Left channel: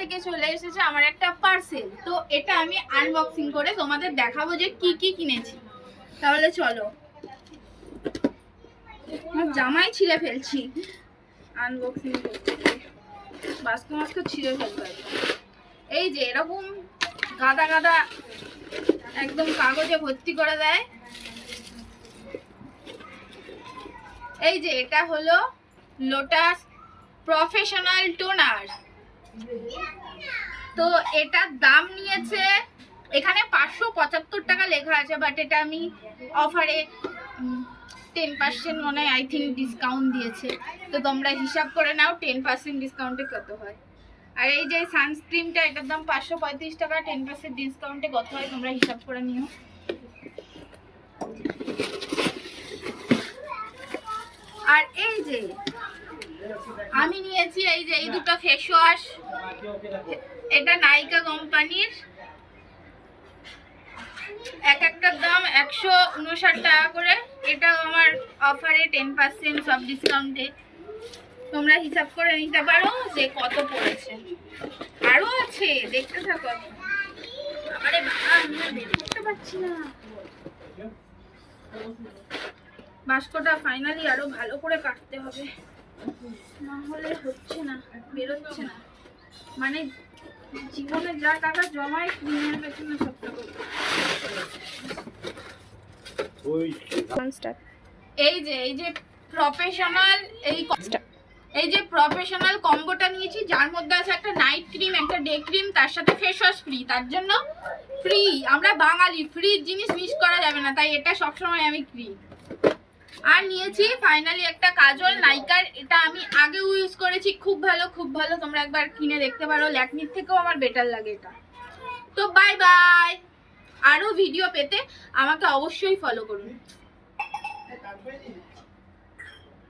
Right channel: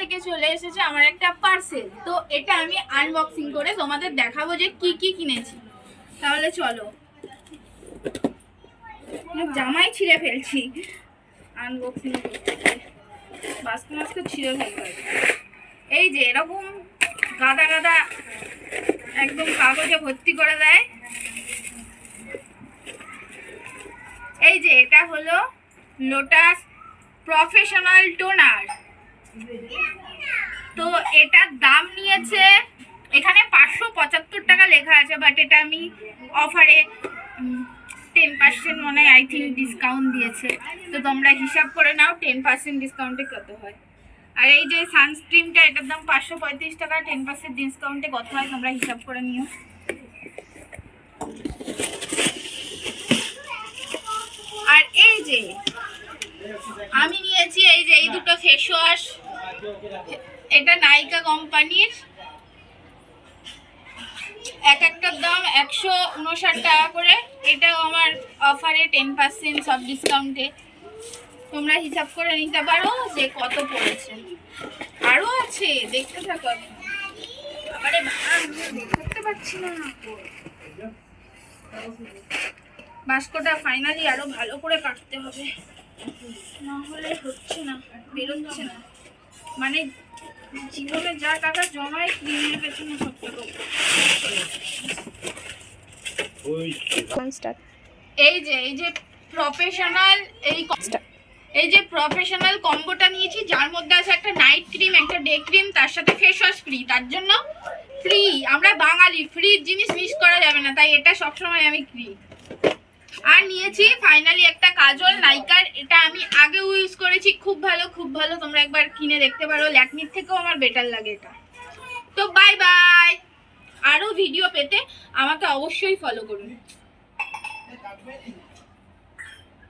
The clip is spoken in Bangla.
থেকে চলে এসেছে আমার একটা পার্সেল। তো এটা আমি আনবক্সিং করে তোমাদের দেখাবো যে কি কি কিনেছি। তাহলে চলো, জামাই ছিঁড়ে ফেলছি আনবক্সিং করতে, বাস্ক ছিঁড়ে ফেলবো। এই যে এরকম গাদা গাদা একদম কাগজে ভর্তি করে দেয়। এই যে এটা হলো লোটাস প্রফেশনাল টোনার। তো এটার দাম নিয়েছে, এখানে 575 টাকা লেখা আছে, বাট এটা আমি অফারে 10% মনে হয় আই থিঙ্ক ডিসকাউন্ট দিয়েছে। তো তোমরা হিসাব করে নাও 10% ডিসকাউন্টে কত হয়। আর এই যে সানস্ক্রিনটা, এটার দাম 535 টাকা, 10% ডিসকাউন্টে কত হয় তোমরা হিসাব করে নিও। আর এই যে আমি নিয়েছি এই যে এই দুটো ফেস ওয়াশ, এটা নাইকা কোম্পানির, এক একটার দাম 159 টাকা করে। এটাও আমার অফারে 10% সব ডিসকাউন্টে, তোমরা হিসাব করে নিতে পারো যে কত পড়েছে। আরো আছে, দেখতে থাকো। আরে বাবা, আমি দেখতে পাচ্ছি না, বাস্কটা ফাইনালি আরো ভালো করে কাটতে হবে, না হলে হচ্ছে না, বেরোচ্ছে না। মানে জীবনে যা টাকা জমায় ক্রিমের পেছনে সব টাকা। এই যে প্রফেশনাল এই যে প্রফেশনাল কম্বোটা নিয়েছি, যার মধ্যে আছে একটা নাইট ক্রিম, একটা ডে ক্রিম, তার সাথে ফেস ওয়াশ ফ্রি। তার জন্য ফ্রি, আমরা বাঙালি, ফ্রি জিনিস মিস করা যাবে না, তাই এটা সবসময় আমি ফ্রি। আর নিয়েছি ফাইনালি একটা কাজল নাইকার, এটা আমি আগেও ইউজ করেছি, খুব ভালো খুব ভালো, তোমরা একবার কিনে দেখতে পারো, ল্যাকমির থেকেও আমার বেটার লাগে এটা। তো বাই বাই, আরো ভিডিও পেতে আমাকে অবশ্যই ফলো করুন।